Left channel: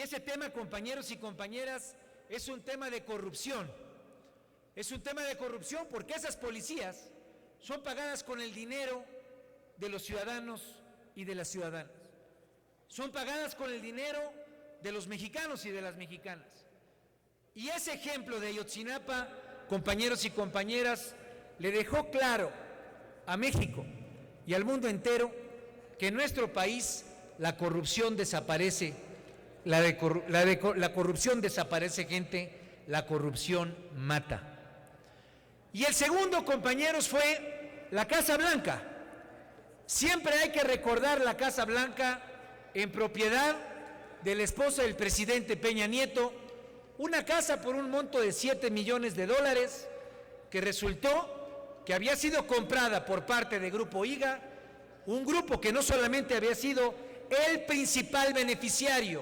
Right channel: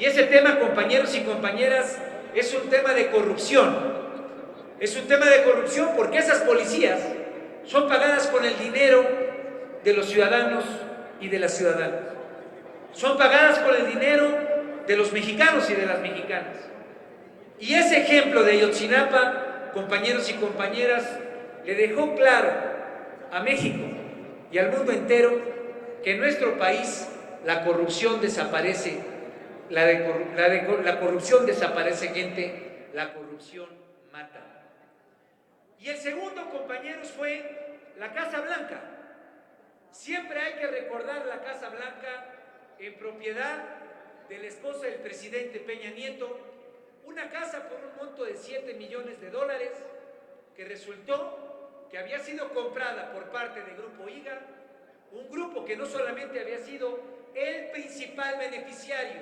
Y ese tema, compañeros y compañeras, es un tema de corrupción. Es un tema de corrupción porque esas policías son pagadas con el dinero de los ciudadanos y de las ciudadanas. Son pagadas con el dinero de los mexicanos y de las mexicanas. Y ese ejemplo de Ayotzinapa, compañeros y compañeras, le dejó claro a México y al mundo entero que en nuestro país la corrupción desaparece. La corrupción desaparece, gente. La corrupción mata. Y el segundo, compañeros, fue la Casa Blanca. Siempre hay que recordar la Casa Blanca en propiedad de la esposa del presidente Peña Nieto, una casa por un monto de $7 millones que resultó que había sido comprada por parte del Grupo IGA, un grupo que no solamente había sido el principal beneficiario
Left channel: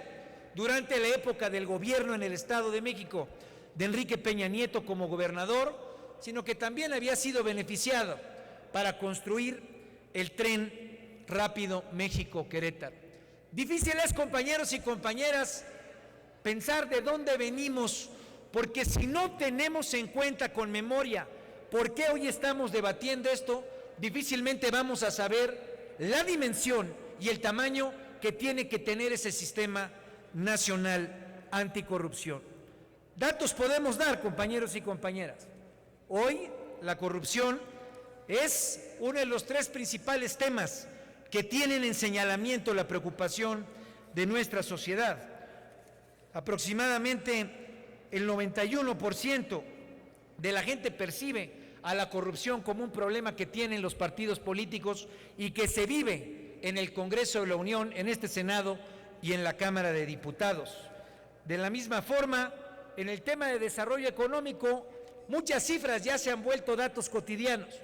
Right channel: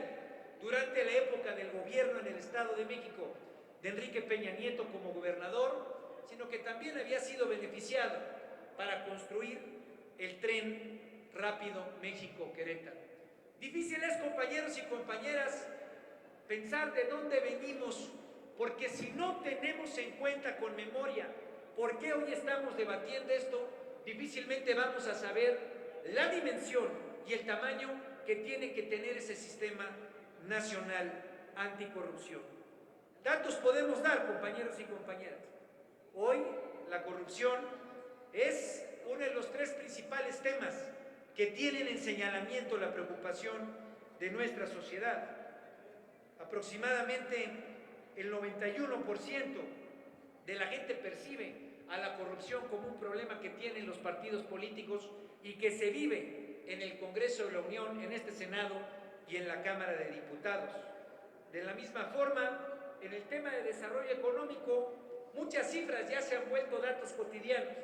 durante la época del gobierno en el Estado de México de Enrique Peña Nieto como gobernador, sino que también había sido beneficiado para construir el tren rápido México-Querétaro. Difícil es, compañeros y compañeras, pensar de dónde venimos, porque si no tenemos en cuenta con memoria por qué hoy estamos debatiendo esto, difícilmente vamos a saber la dimensión y el tamaño que tiene que tener ese sistema nacional anticorrupción. Datos podemos dar, compañeros y compañeras. Hoy la corrupción es uno de los 3 principales temas que tienen en señalamiento la preocupación de nuestra sociedad. Aproximadamente el 91% de la gente percibe a la corrupción como un problema que tienen los partidos políticos y que se vive en el Congreso de la Unión, en este Senado y en la Cámara de Diputados. De la misma forma, en el tema de desarrollo económico, muchas cifras ya se han vuelto datos cotidianos,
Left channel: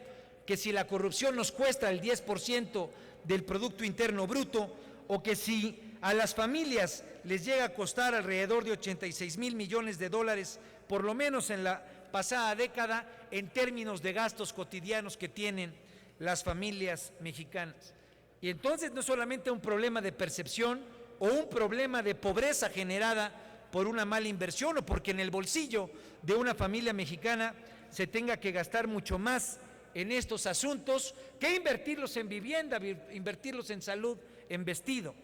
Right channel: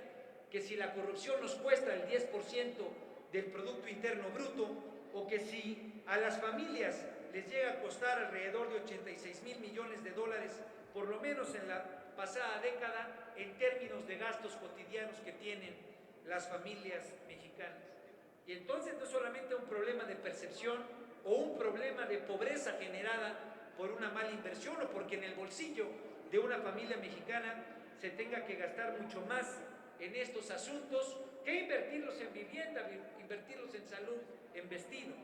que si la corrupción nos cuesta el 10% del Producto Interno Bruto, o que si a las familias les llega a costar alrededor de $86 mil millones, por lo menos en la pasada década, en términos de gastos cotidianos que tienen las familias mexicanas. Y entonces no solamente un problema de percepción o un problema de pobreza generada por una mala inversión o porque en el bolsillo de una familia mexicana se tenga que gastar mucho más en estos asuntos que invertirlos en vivienda, invertirlos en salud, en vestido.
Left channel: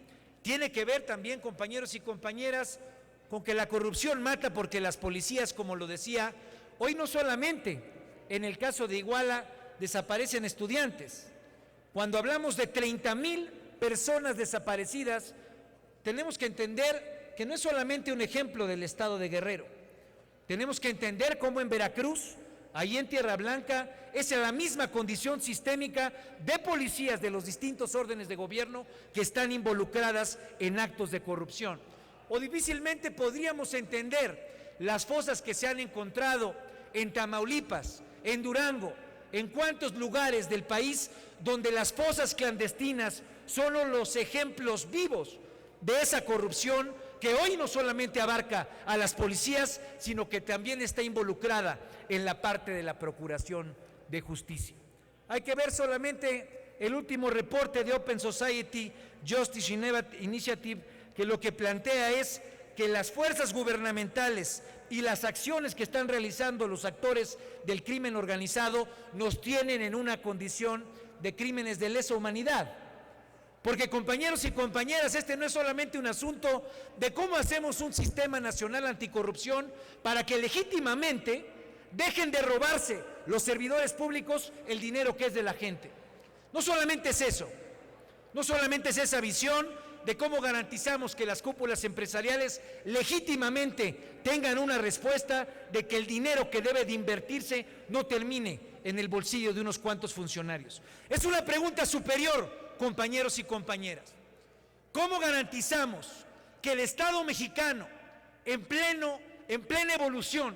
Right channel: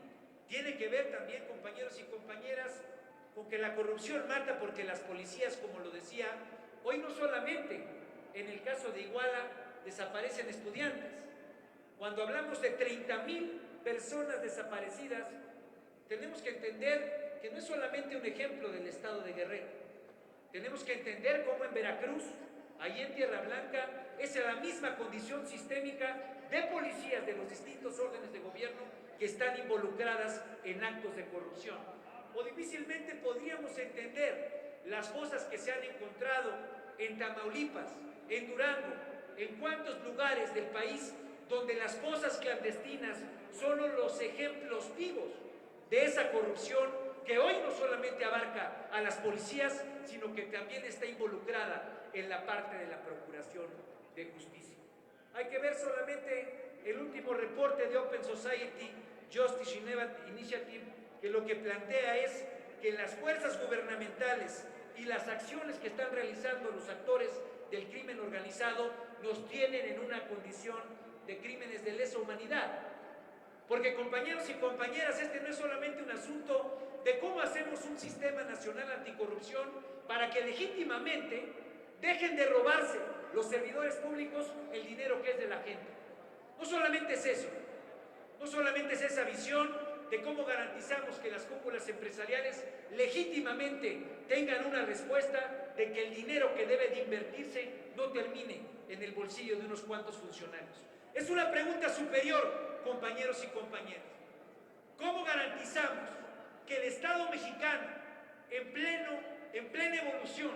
Tiene que ver también, compañeros y compañeras, con que la corrupción mata porque las policías, como lo decía, hoy no solamente en el caso de Iguala desaparecen estudiantes. Cuando hablamos de 30,000 personas desaparecidas, tenemos que entender que no es solamente un ejemplo del estado de Guerrero. Tenemos que entender cómo en Veracruz, ahí en Tierra Blanca, es la misma condición sistémica de policías de los distintos órdenes de gobierno que están involucradas en actos de corrupción. O difícilmente podríamos entender las fosas que se han encontrado en Tamaulipas, en Durango, en cuántos lugares del país donde las fosas clandestinas son los ejemplos vivos de esa corrupción que hoy no solamente abarca a las policías, sino que también está involucrada en la parte de la Procuración de Justicia. Hay que ver solamente el último reporte de Open Society Justice Initiative, que lo que plantea es que las fuerzas gubernamentales y las acciones que están realizando los actores del crimen organizado nos tienen en una condición de crímenes de lesa humanidad. Porque, compañeros y compañeras, este no es solamente un asunto de cómo hacemos un sistema nacional anticorrupción para que legítimamente dejen de robarse los servidores públicos el dinero que es de la gente. No solamente es eso, no solamente es esa visión de cómo garantizamos que las cúpulas empresariales legítimamente tengan una respuesta de que el dinero que debe de invertirse no termine en el bolsillo de unos cuantos funcionarios. Es una pregunta superior, compañeros y compañeras. ¿Cómo garantizamos que el Estado mexicano, en plena evolución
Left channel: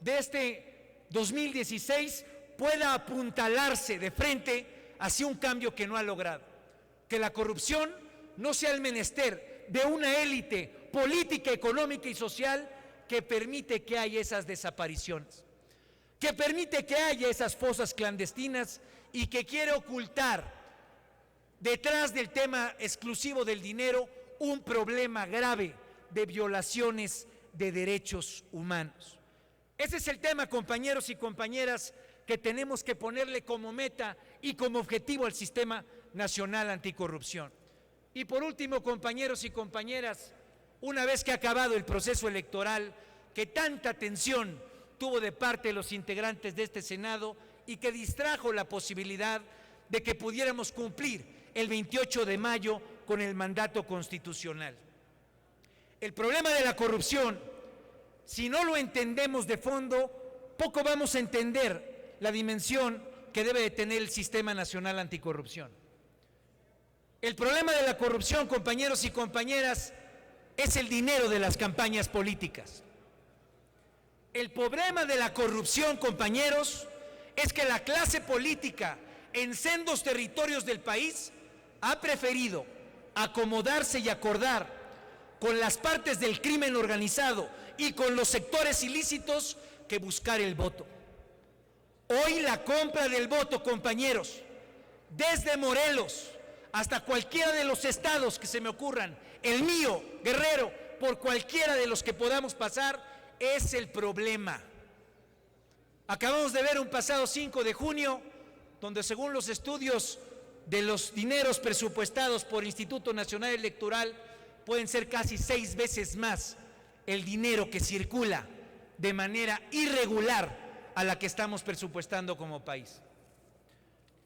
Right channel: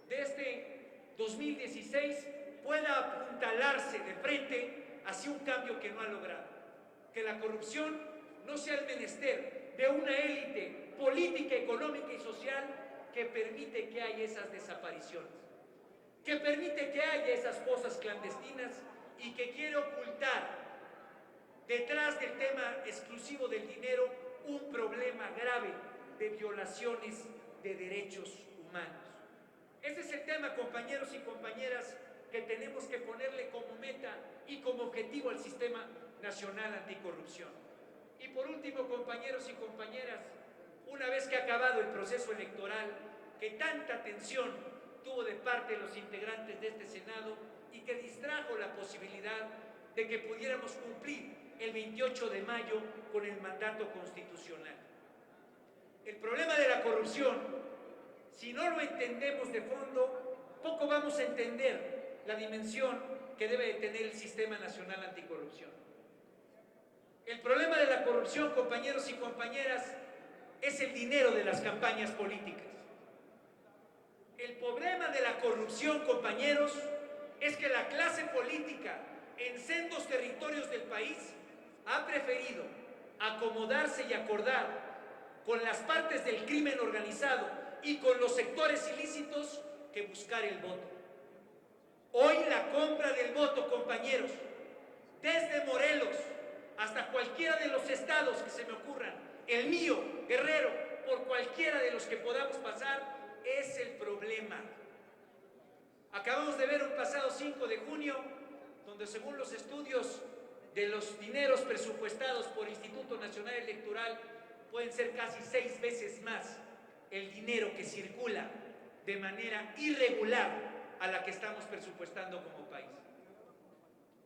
de este 2016, pueda apuntalarse de frente hacia un cambio que no ha logrado? Que la corrupción no sea el menester de una élite política, económica y social que permite que haya esas desapariciones, que permite que haya esas fosas clandestinas y que quiere ocultar detrás del tema exclusivo del dinero un problema grave de violaciones de derechos humanos. Ese es el tema, compañeros y compañeras, que tenemos que ponerle como meta y como objetivo al Sistema Nacional Anticorrupción. Y por último, compañeros y compañeras, una vez que ha acabado el proceso electoral, que tanta tensión tuvo de parte de los integrantes de este Senado y que distrajo la posibilidad de que pudiéramos cumplir el 28 de mayo con el mandato constitucional. El problema de la corrupción, si no lo entendemos de fondo, poco vamos a entender la dimensión que debe de tener el Sistema Nacional Anticorrupción. El problema de la corrupción, compañeros y compañeras, es el dinero de las campañas políticas. El problema de la corrupción, compañeros, es que la clase política en sendos territorios del país ha preferido acomodarse y acordar con las partes del crimen organizado y con los sectores ilícitos que buscar el voto. Hoy la compra del voto, compañeros, desde Morelos hasta cualquiera de los estados que se me ocurran, el mío, Guerrero, por cualquiera de los que podamos pasar, es el problema. Acabamos de ver un pasado 5 de junio, donde según los estudios de los dineros presupuestados por el Instituto Nacional Electoral, pueden ser casi 6 veces más el dinero que circula de manera irregular a la que estamos presupuestando como país.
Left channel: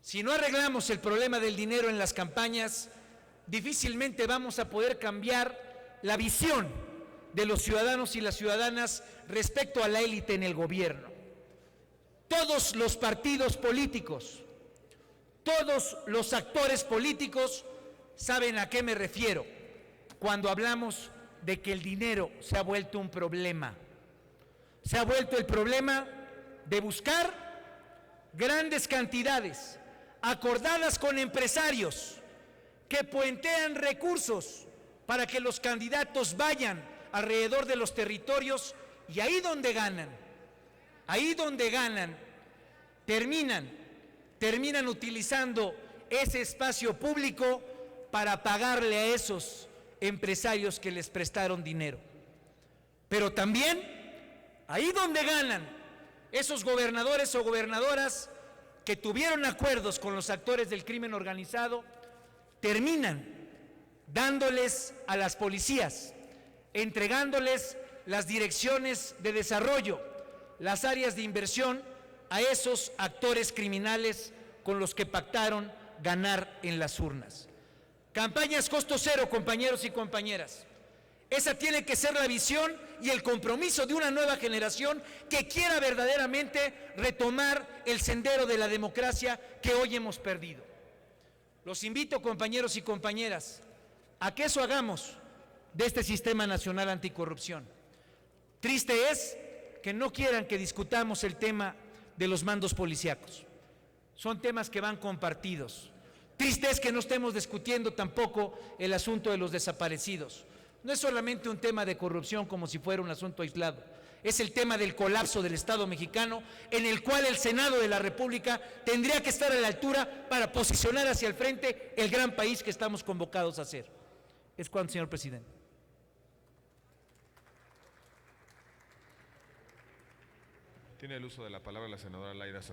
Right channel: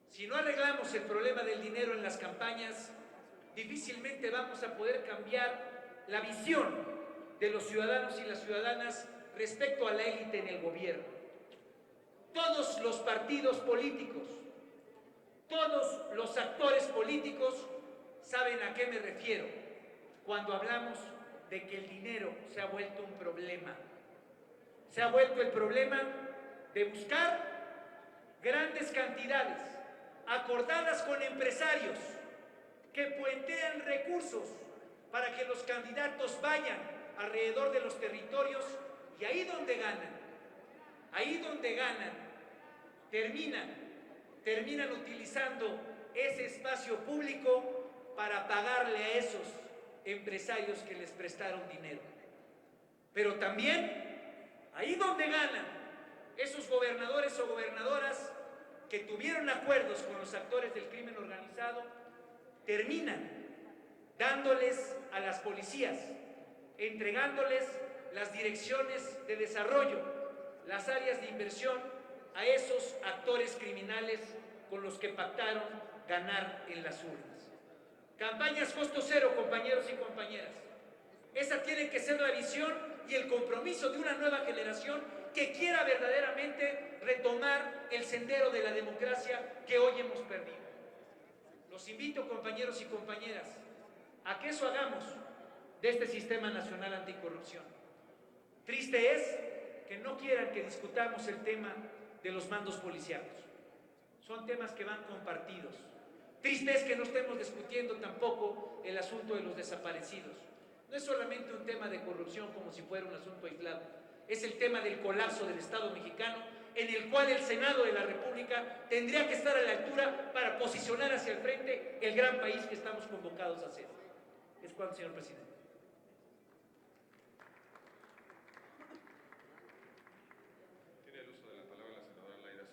Si no arreglamos el problema del dinero en las campañas, difícilmente vamos a poder cambiar la visión de los ciudadanos y las ciudadanas respecto a la élite en el gobierno. Todos los partidos políticos, todos los actores políticos saben a qué me refiero cuando hablamos de que el dinero se ha vuelto un problema. Se ha vuelto el problema de buscar grandes cantidades acordadas con empresarios que puentean recursos para que los candidatos vayan alrededor de los territorios y ahí donde ganan, terminan utilizando ese espacio público para pagarle a esos empresarios que les prestaron dinero. Pero también, ahí donde ganan, esos gobernadores o gobernadoras que tuvieron acuerdos con los actores del crimen organizado, terminan dándoles a las policías, entregándoles las direcciones de desarrollo, las áreas de inversión a esos actores criminales con los que pactaron ganar en las urnas. Campañas costo cero, compañeros y compañeras. Esa tiene que ser la visión y el compromiso de una nueva generación que quiera verdaderamente retomar el sendero de la democracia que hoy hemos perdido. Los invito, compañeros y compañeras, a que eso hagamos de este Sistema Nacional Anticorrupción. Triste es que no quieran que discutamos el tema de los mandos policíacos. Son temas que van compartidos. Triste es que no estemos discutiendo tampoco el asunto de los desaparecidos. No es solamente un tema de corrupción como si fuera un asunto aislado. Es el tema del colapso del Estado mexicano, en el cual el Senado de la República tendría que estar a la altura para posicionar hacia el frente el gran país que estamos convocados a ser. Es cuanto, señor presidente. Tiene el uso de la palabra la senadora Laida Sansores.